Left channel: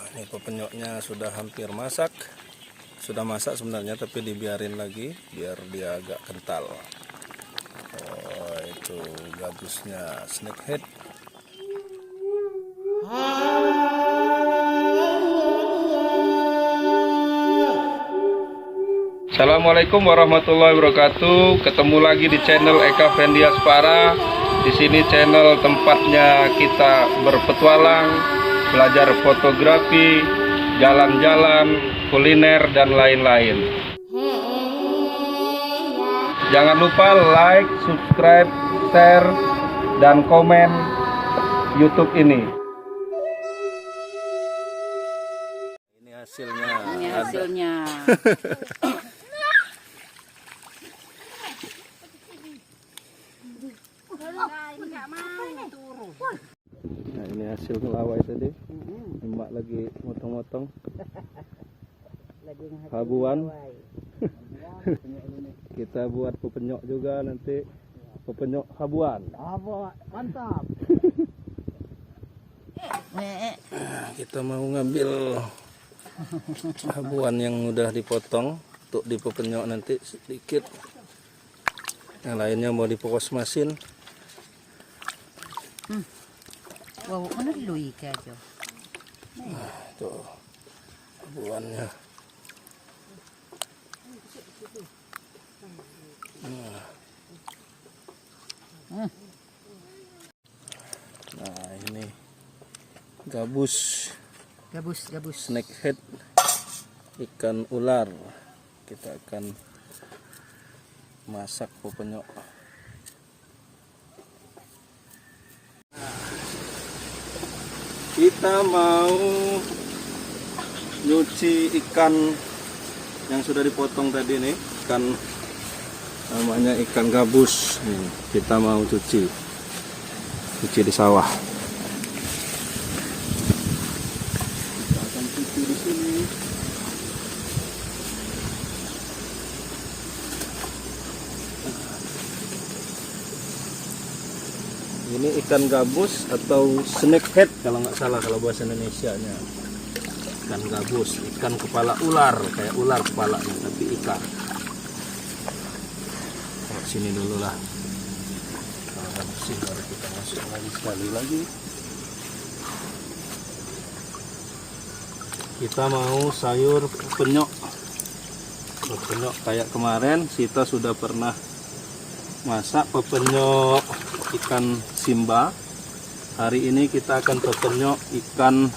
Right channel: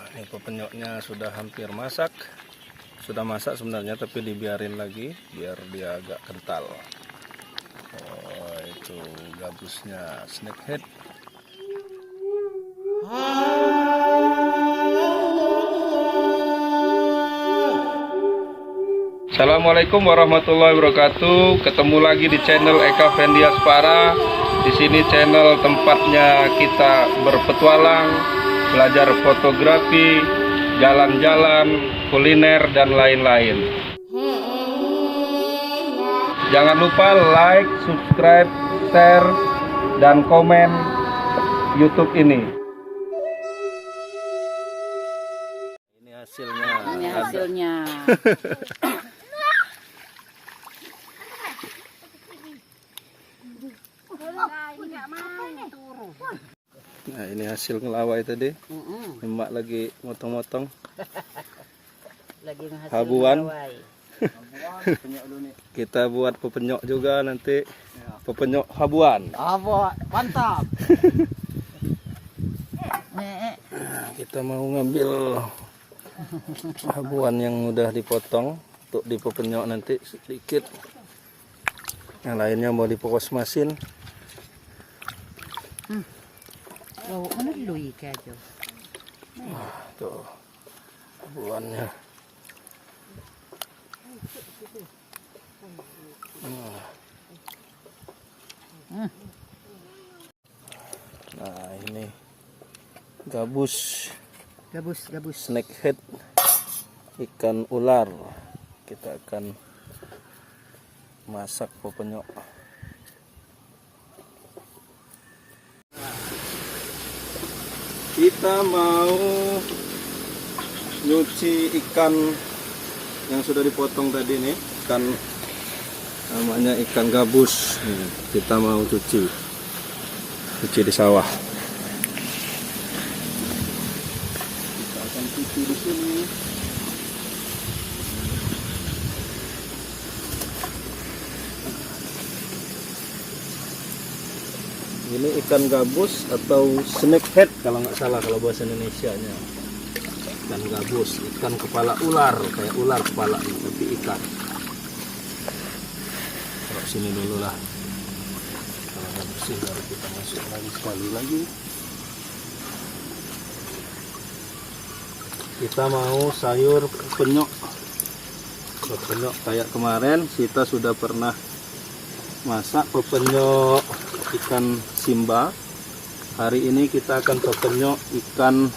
Ini pepenyoknya sudah hampir masak. Sudah masak sebenarnya, tapi dibiarin lagi biar dia agak kental. Oh, itu gabusnya snakehead. Assalamualaikum warahmatullahi wabarakatuh. Ketemu lagi di channel Eka Fendiaspara. Di sini channel tempatnya kita berpetualang, belajar fotografi, jalan-jalan, kuliner dan lain-lain. Jangan lupa like, subscribe, share, dan komen YouTube ini. Ini hasilnya. Ini hasilnya. Nah, ini hasil ngelawai tadi. Emak lagi motong-motong. Lagi ngehasil Habuan. ngelawai. Kita buat pepenyok juga nanti. Pepenyok habuan. Mantap. Kita mau ngambil habuan yang udah dipotong untuk dipepenyok nanti sedikit. Yang lainnya mau dipokos mesin. Wow, ano luy kaya jo? Tuh habuannya. Nah, ini gabus Gabus. snakehead, ikan ular. Kita akan masak pepenyok. Kita mau nyuci ikan yang sudah dipotong tadi nih, ikan namanya ikan gabus. Kita mau cuci di sawah. Kita akan cuci di sini. Ini ikan gabus atau snakehead kalau nggak salah kalau bahasa Indonesianya. Ikan gabus, ikan kepala ular, kayak ular kepalanya tapi ikan. Taruh sini dulu lah. Kalau udah bersih baru kita masuk lagi sekali lagi. Kita mau sayur pepenyok. Pepenyok kayak kemarin kita sudah pernah masak pepenyok ikan simba. Hari ini kita akan pepenyok ikan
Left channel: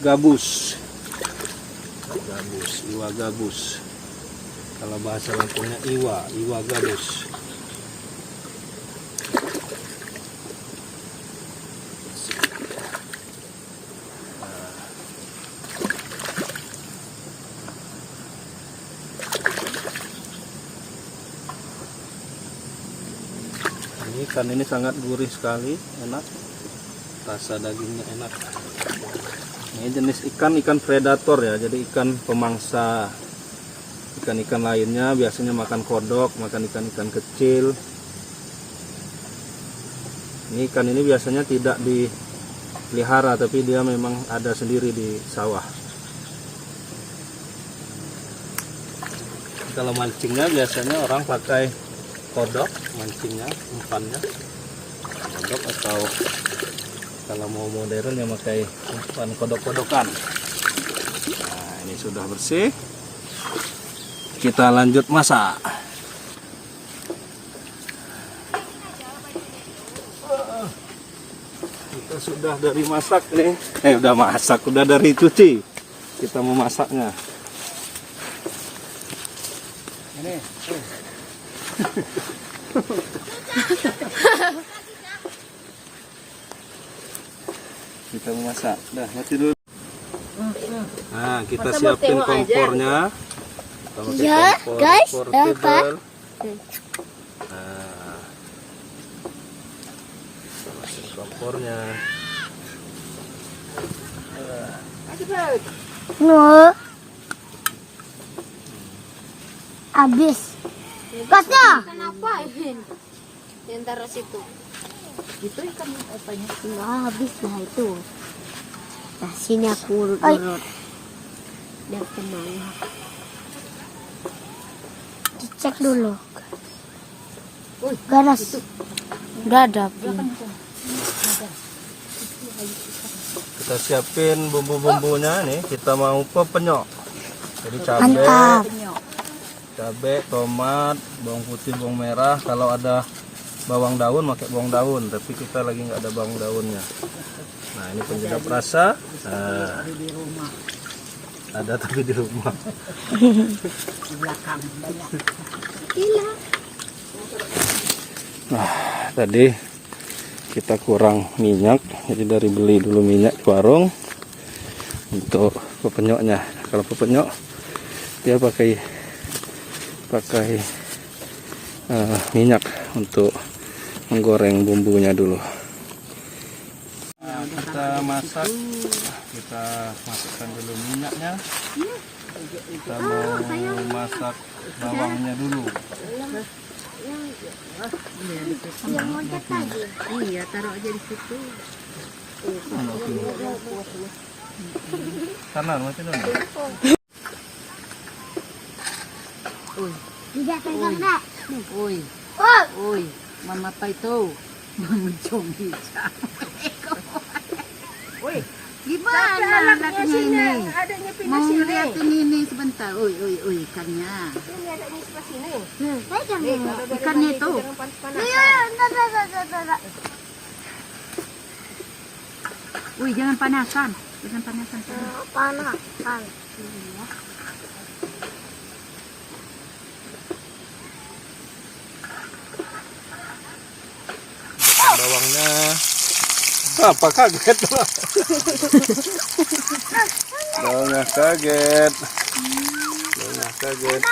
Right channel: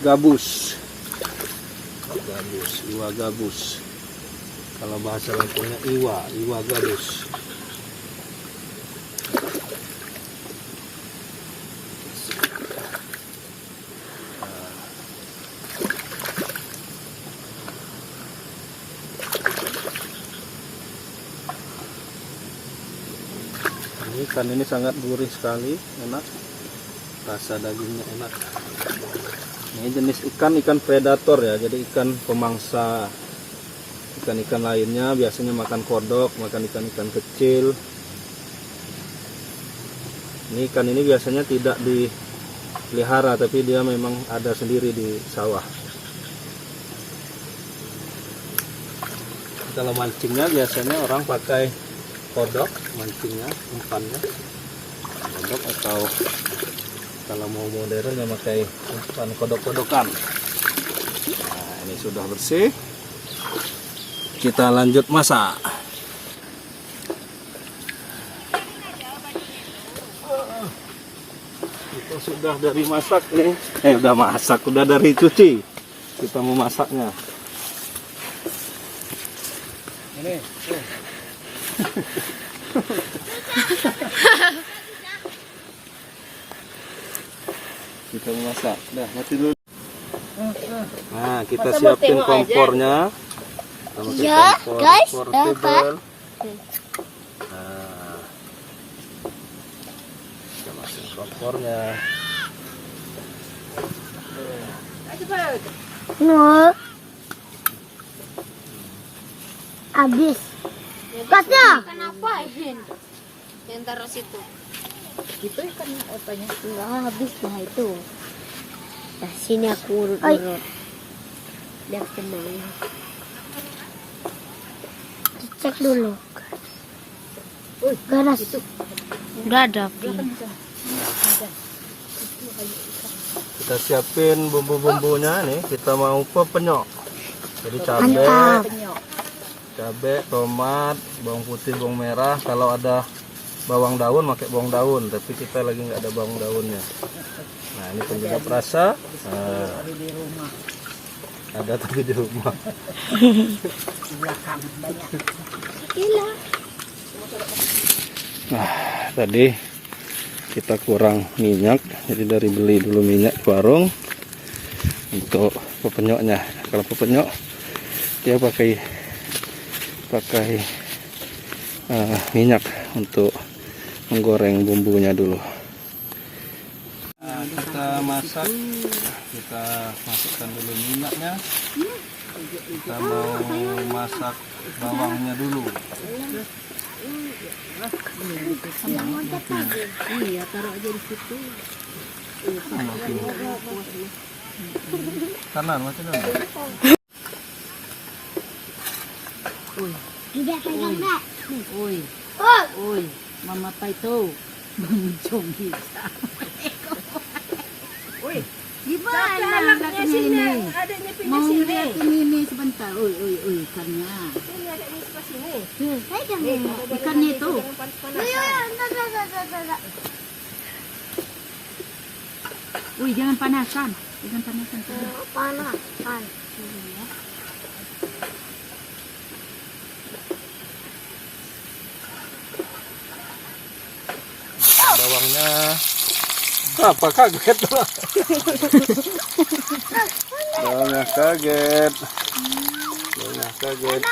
gabus. Iwa gabus. Kalau bahasa Lampungnya iwa gabus. Ikan ini sangat gurih sekali, enak, rasa dagingnya enak. Ini jenis ikan predator ya, jadi ikan pemangsa ikan-ikan lainnya. Biasanya makan kodok, makan ikan-ikan kecil. Ini ikan ini biasanya tidak dipelihara, tapi dia memang ada sendiri di sawah. Kalau mancingnya biasanya orang pakai kodok, mancingnya, umpannya kodok, atau kalau mau modern ya pakai umpan kodok-kodokan. Nah, ini sudah bersih, kita lanjut masak. Kita sudah dari masak nih, udah dari cuci, kita mau masaknya. Ini kita memasak, dah mati dulu. Nah, kita siapin kompornya. Kita pakai kompor portable. Nah, kita masukin kompornya. Habis. Gasnya. Kenapa ini? Yang taruh situ. Itu ikan apanya? Ya, habis lah itu. Nah, sini aku urut-urut. Biar tenang. Cek dulu. Ganas. Udah ada api. Kita siapin bumbu-bumbunya nih. Kita mau pepenyok. Jadi Mantap. cabai, tomat, bawang putih, bawang merah. Kalau ada bawang daun, pakai bawang daun. Tapi kita lagi nggak ada bawang daunnya. Nah, ini penyedap rasa. Nah, ada tapi di rumah. Nah, tadi kita kurang minyak, jadi dari beli dulu minyak di warung untuk pepenyoknya. Kalau pepenyok dia pakai minyak untuk menggoreng bumbunya dulu. Nah, kita masukkan dulu minyaknya. Kita mau masak bawangnya dulu. Iya, taruh aja di situ. Kanan masih nana. Uy, Tidak pegang dah. uy, Oh, uy, mama pa ito. Mencong hijau. Uy, gimana laki ini? Mau ngeliatin ini sebentar. Uy, ikannya. pegang. Ikannya itu. Uy, jangan panasan. Jangan panasan. Panas. Bawangnya. Apa kaget? Bawangnya kaget.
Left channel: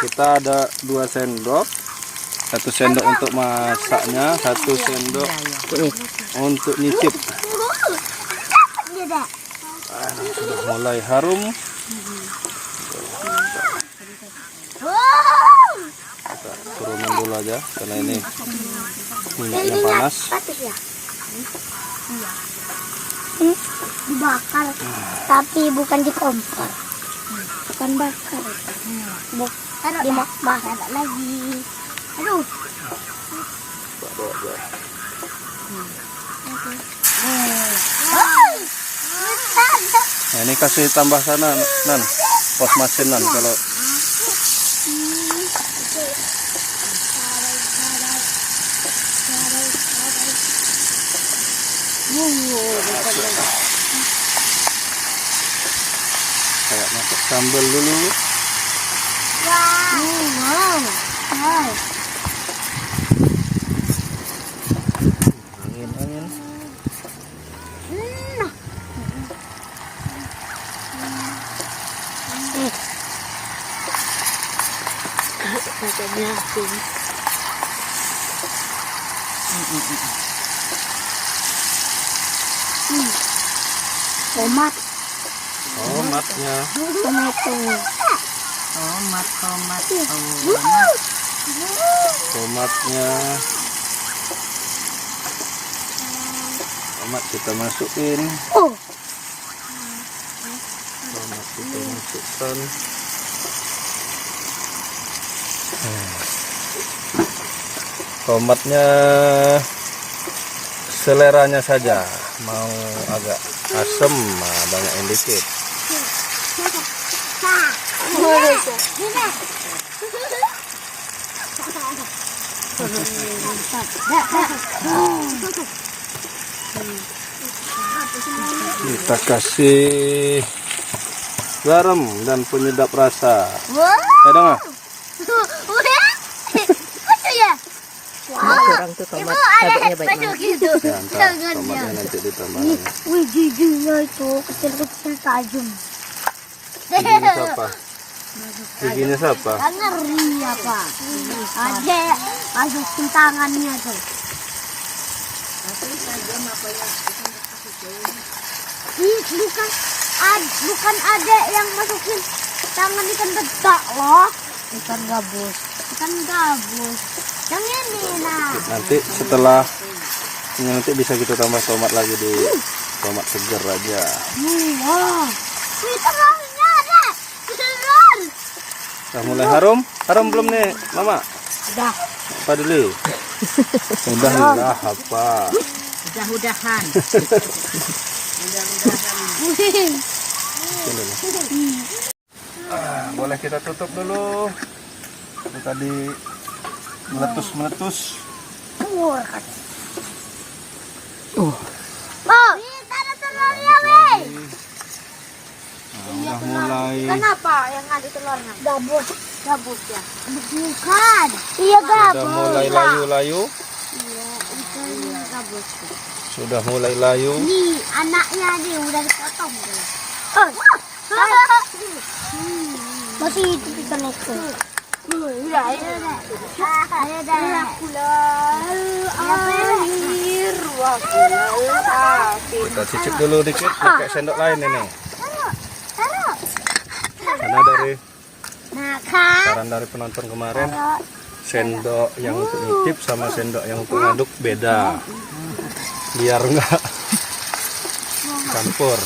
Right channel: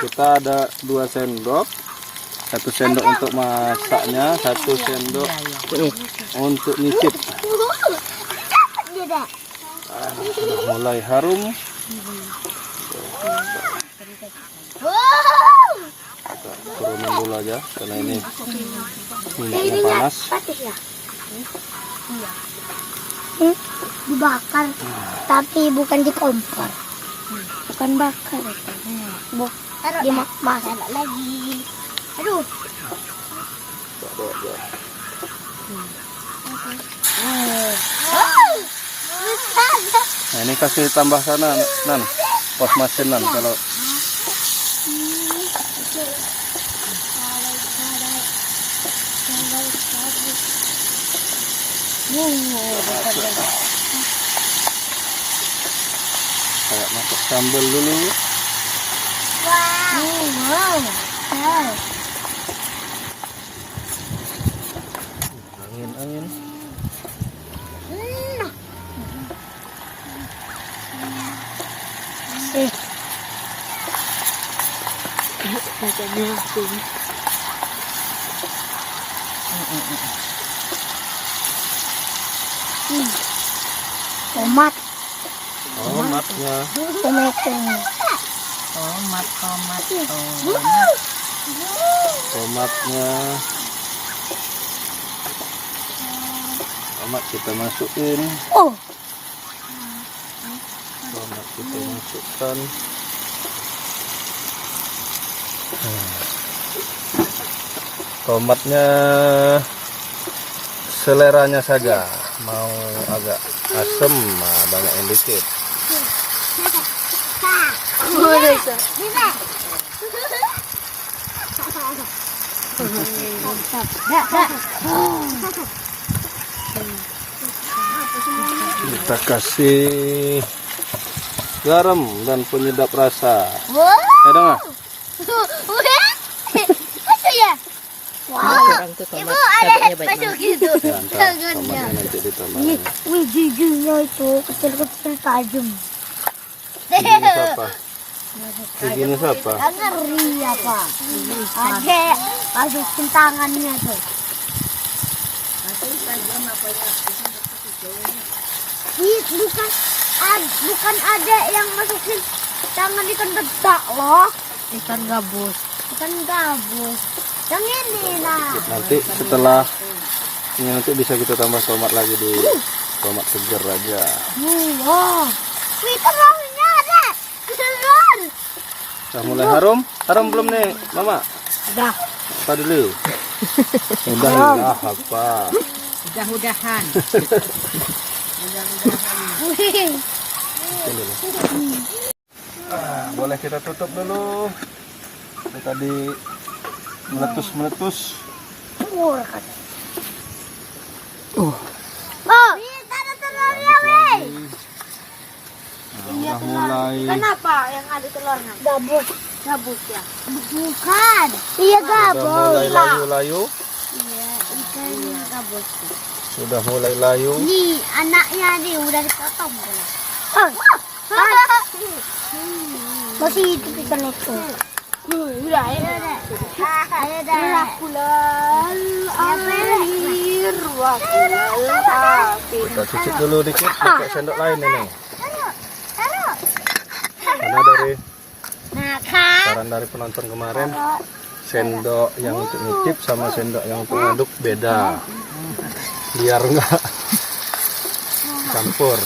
Kita ada 2 sendok. 1 sendok untuk masaknya, 1 sendok untuk nyicip. Tidak. Sudah mulai harum. Kita turunin dulu aja karena ini minyaknya panas. Ya. Dibakar, tapi bukan di kompor. Bukan bakar. Dimasak lagi. Aduh. Nah, ini kasih tambah sana, Nan. Pos mesin, Nan. Kalau kayak masuk sambal dulu. Angin. Tomat. Tomatnya. Tomatnya. Tomatnya. Tomat kita masukin. Oh. Tomat kita masukkan. Tomatnya seleranya saja. Mau agak asam, nah banyak yang dikit. Kita kasih garam dan penyedap rasa. Ada nggak? Kurang tuh tomat. Cabainya banyak banget. Ya, ntar tomatnya nanti ditambahin. Ini giginya itu kecil-kecil tajam. Giginya siapa? Giginya siapa? Ngeri apa? Ada masukin tangannya tuh. Ih, bukan ada yang masukin tangan ikan bedak loh. Ikan gabus. Ikan gabus. Yang ini nah. Nanti setelah ini nanti bisa kita tambah tomat lagi di tomat segar aja. Wih, telurnya ada. Telur. Udah mulai harum? Harum belum nih, Mama? Udah. Apa dulu? Udah lah, apa? Mudah-mudahan. Boleh kita tutup dulu. Ini tadi meletus-meletus. Oh, ada telurnya, weh. Nah, udah mulai. Kenapa yang ada telurnya? Gabus. Gabus ya. Bukan. Iya, Udah gabus. mulai layu-layu. Sudah mulai layu. Nih, anaknya nih udah dipotong. Masih hidup ikan itu. Iya, Ayo dah. Rakulal akhir wakulal akhir. Kita cicip dulu dikit pakai sendok lain ini. Karena dari Nah, kan. saran dari penonton kemarin, sendok yang untuk nyicip sama sendok yang untuk ngaduk beda. Biar enggak campur.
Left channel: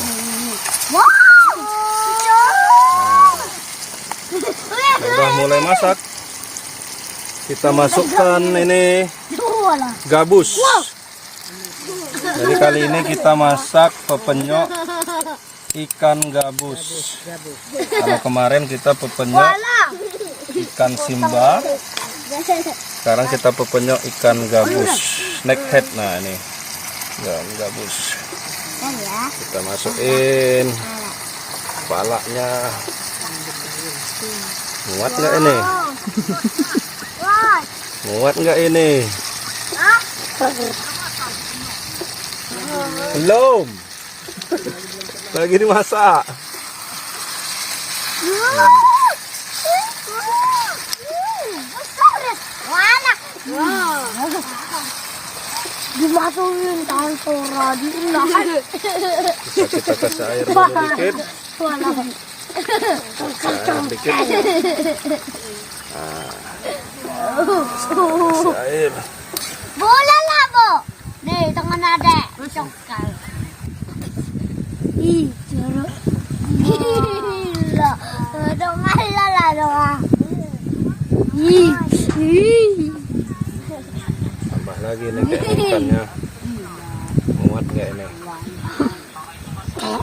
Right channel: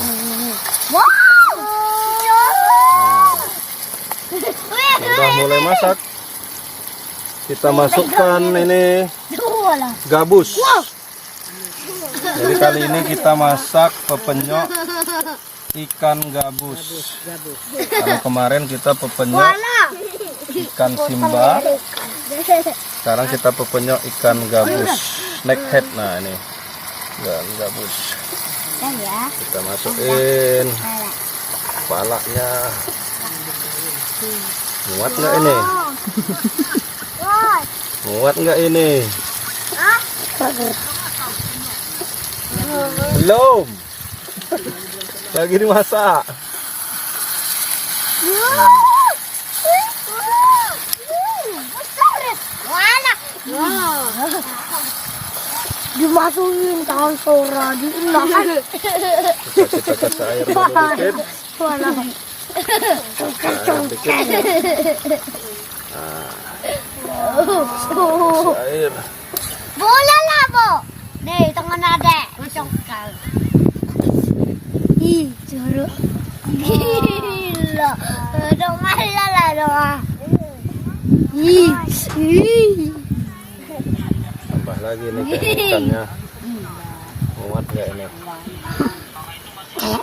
Nah, udah mulai masak. Kita masukkan ini gabus. Jadi kali ini kita masak pepenyok ikan gabus. Kalau kemarin kita pepenyok ikan simba. Sekarang kita pepenyok ikan gabus. Snakehead. Nah ini ikan gabus. Kita masukin kepalanya. Muat nggak ini? Muat nggak ini? Belum. Lagi dimasak. Dimasukin tangan Sora di Kita kasih air dulu dikit. Air dikit. Kasih air. Bola lah, Bu. Nih, tangan adek. Masuk sekali. Ih, curut. Gila. Dong aja lah doang. Ih. Tambah lagi nih ikannya. Muat nggak ini?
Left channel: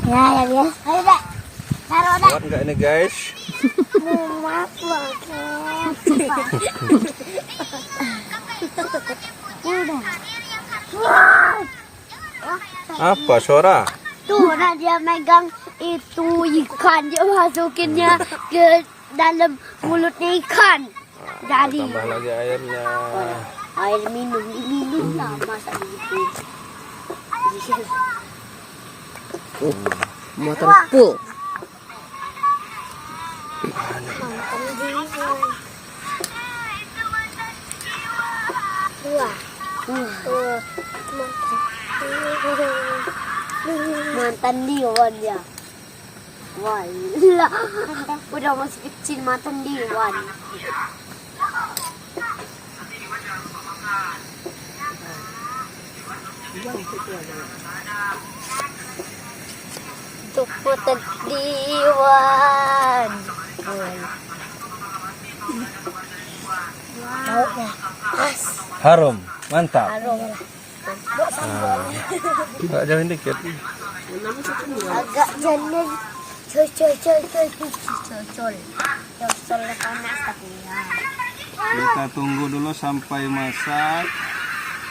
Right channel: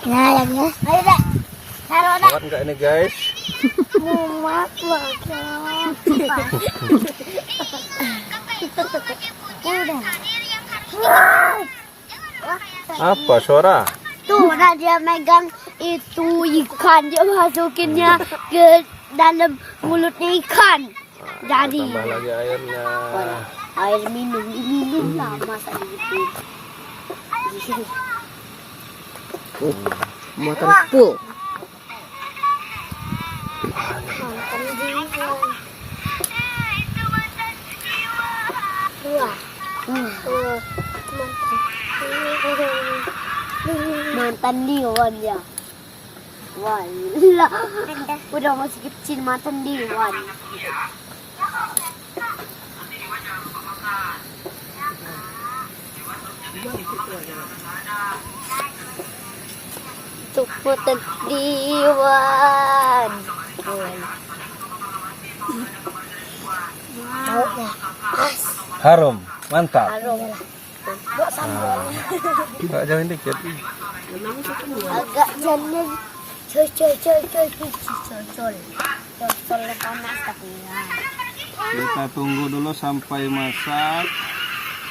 Nah, ya. Ayo, Dek. Taruh, Dek. Muat nggak ini guys? Muat banget. Apa Sora? Tuh, nah dia megang itu ikan, dia masukinnya ke dalam mulutnya ikan. Jadi Tambah lagi airnya. air minum lah masa gitu. Motor full. Mantan diwan. Dua. Mantan diwan ya. Wah, gila. Udah masih kecil mantan diwan. Cepet diwan. Tahu ya. As. Harum, mantap. Harum lah. Nggak ada yang dikit. Agak jalan. Cocol. Cocolnya panas tapi ya. Kita tunggu dulu sampai masak.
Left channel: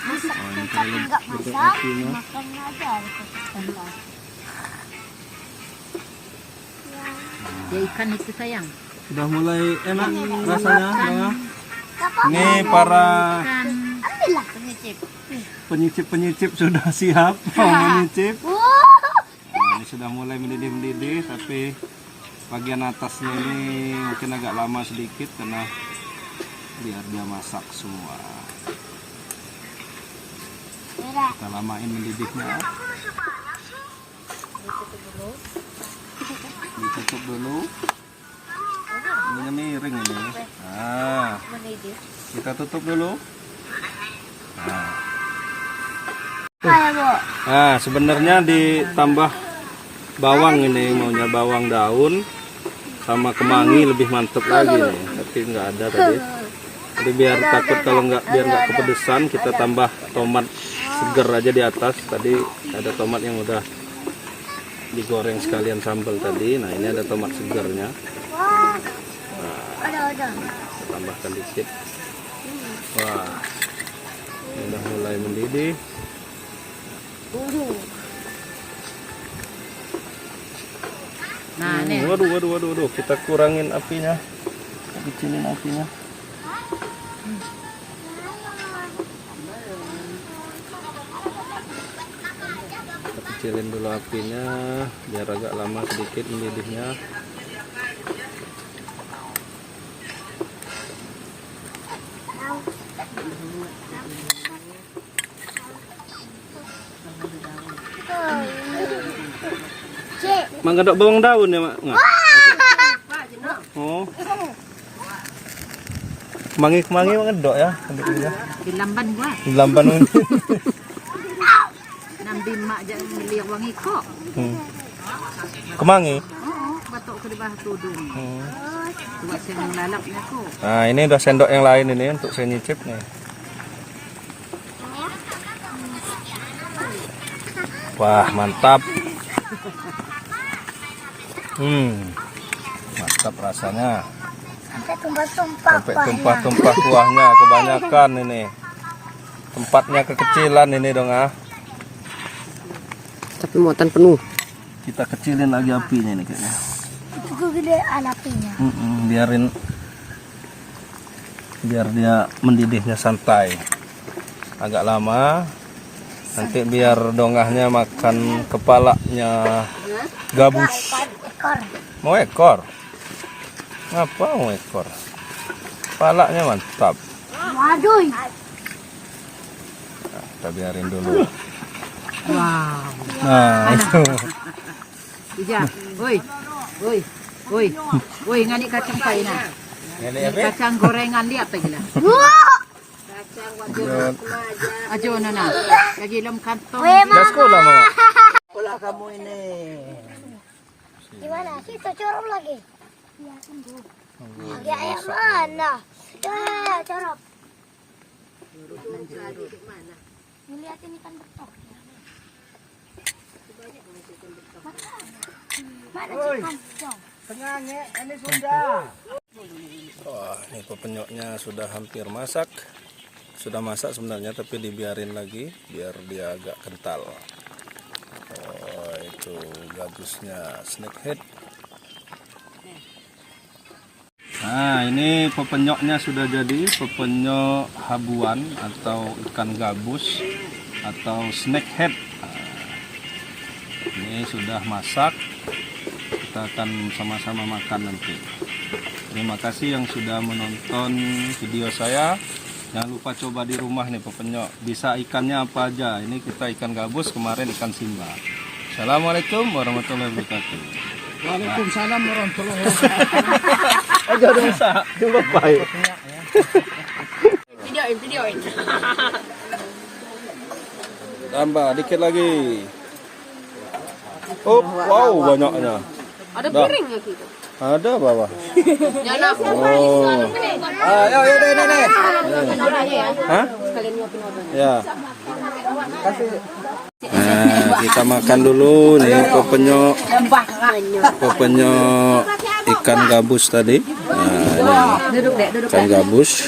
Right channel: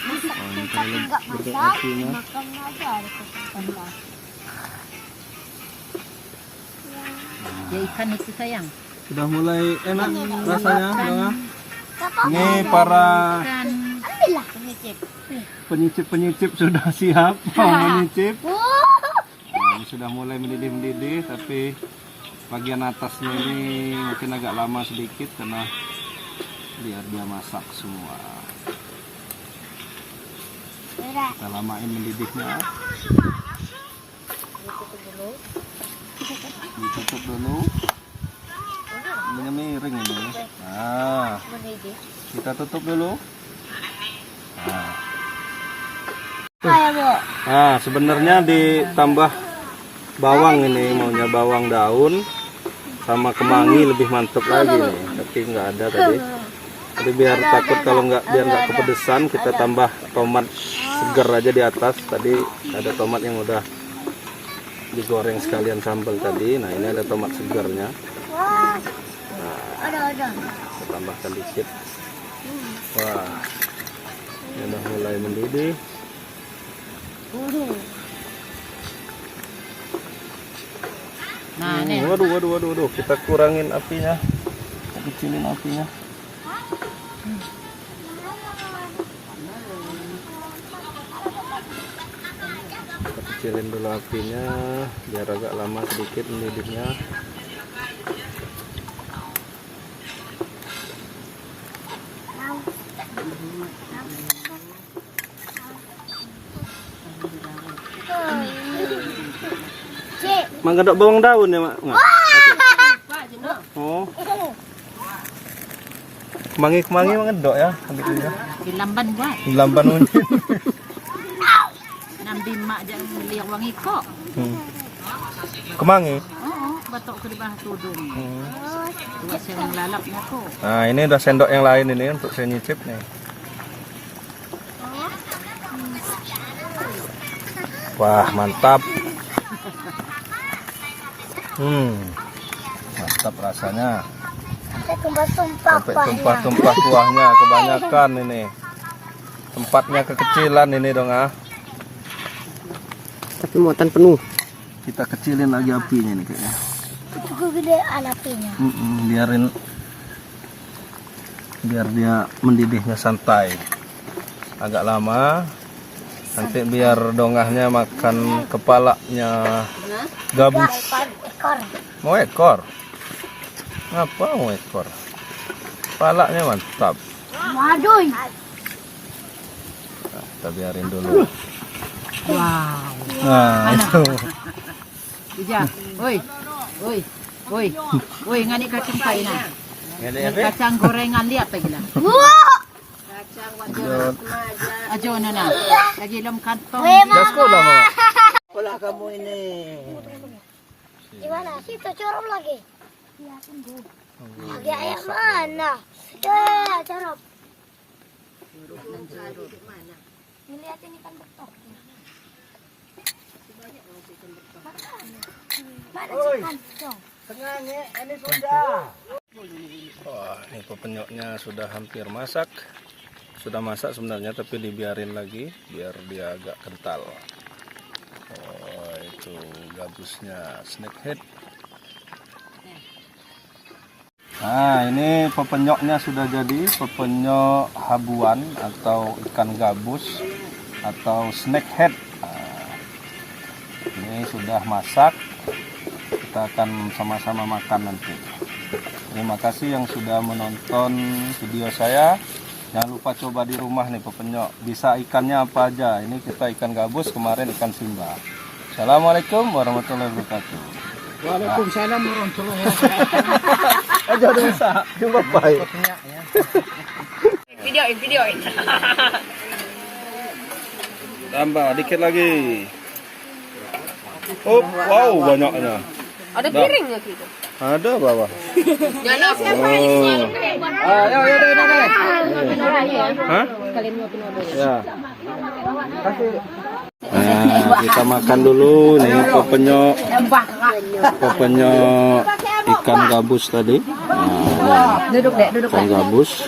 Masak Oh, ini tapi terlalu nggak gede masak. apinya. Makan aja ada kotor. Ya, ikan itu sayang. Sudah mulai enak rasanya, Dong. Ini para Ambillah pengicip. penyicip-penyicip sudah siap mau menyicip. Wow. Nah, ini sudah mulai mendidih-mendidih, tapi bagian atasnya ini mungkin agak lama sedikit karena biar dia masak semua. Kita lamain mendidihnya. Ditutup dulu. Ini miring ini. Nah, kita tutup dulu. Nah, Ayo, Bu. Nah, sebenarnya ditambah bawang ini, maunya bawang daun sama kemangi lebih mantap lagi nih, tapi nggak ada tadi. Jadi biar takut kalau biar nggak kepedesan, kita tambah tomat segar aja di atas. Tadi ada tomat yang udah digoreng sekalian sambal tadi. Nah, ini ada tomat segarnya. Nah, kita tambahkan dikit. Wah, ini udah mulai mendidih. Waduh, kita kurangin apinya, kita kecilin apinya. Kita kecilin dulu apinya, biar agak lama sedikit mendidihnya. Mangga bawang daun ya, Mak? Nggak? Oh. Kemangi mangedok ya, adiknya. Di lamban gua. Di lamban. Nambi mak jangan melihat wangi kok. Kemangi. Oh, batok ke bawah tudung. Buat saya lalapnya kok. Nah, ini udah sendok yang lain ini untuk saya nyicip nih. Wah, mantap. Mantap rasanya. Sampai tumpah-tumpah Sampai tumpah-tumpah kuahnya kebanyakan ini. Tempatnya kekecilan ini dong ah. Tapi muatan penuh. Kita kecilin lagi apinya nih kayaknya. Cukup gede apinya. Biar dia mendidihnya santai. Agak lama. Nanti biar dongahnya makan kepalanya gabus. Ekor. Mau ekor? Apa mau ekor? Kepalanya mantap. Waduh. Kita biarin dulu. Wow. Nah, itu. Ija, woi, ngadik kacang kaina. Kacang gorengan dia apa gila? Ajo nana, lagi lom kantong. Ya sekolah mau. Sekolah kamu ini. Gimana sih cocorok lagi? Iya, tunggu. Lagi ayam mana? Cocorok. Ngeliatin ikan betok. Penyanyi ini sudah. Wah, ini pepenyoknya sudah hampir masak. Sudah masak sebenarnya, tapi dibiarin lagi biar dia agak kental. Oh, itu gabusnya snakehead. Nah, ini pepenyoknya sudah jadi, pepenyok habuan atau ikan gabus atau snakehead. Nah, ini sudah masak. Kita akan sama-sama makan nanti. Terima kasih yang sudah menonton video saya. Jangan lupa coba di rumah nih pepenyok. Bisa ikannya apa aja. Ini kita ikan gabus, kemarin ikan simba. Assalamualaikum warahmatullahi wabarakatuh. Waalaikumsalam warahmatullahi wabarakatuh. Aja bisa. Jumpa baik. Videoin. Tambah dikit lagi. Oh, wow, banyaknya. Ada piringnya gitu. Ada bawah. Jangan Oh. Ayo deh. Hah? Ya. Nah, kita makan dulu nih pepenyok ikan gabus tadi. Nah, ini ikan gabus.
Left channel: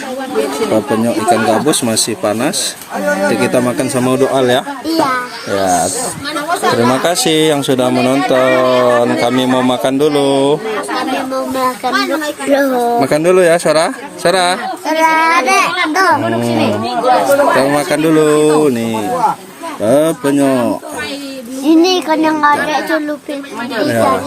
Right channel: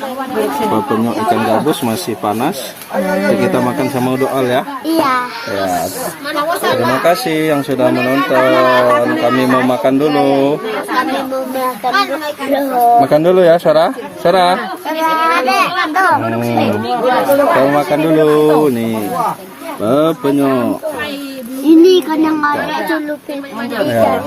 Pepenyok ikan gabus masih panas. Jadi kita makan sama doal ya. Iya. Ya. Terima kasih yang sudah menonton. Kami mau makan dulu. Kami mau makan dulu. Makan dulu ya, Sarah. Kita makan dulu nih. Pepenyok. Ini kan yang ada celupin. Ya.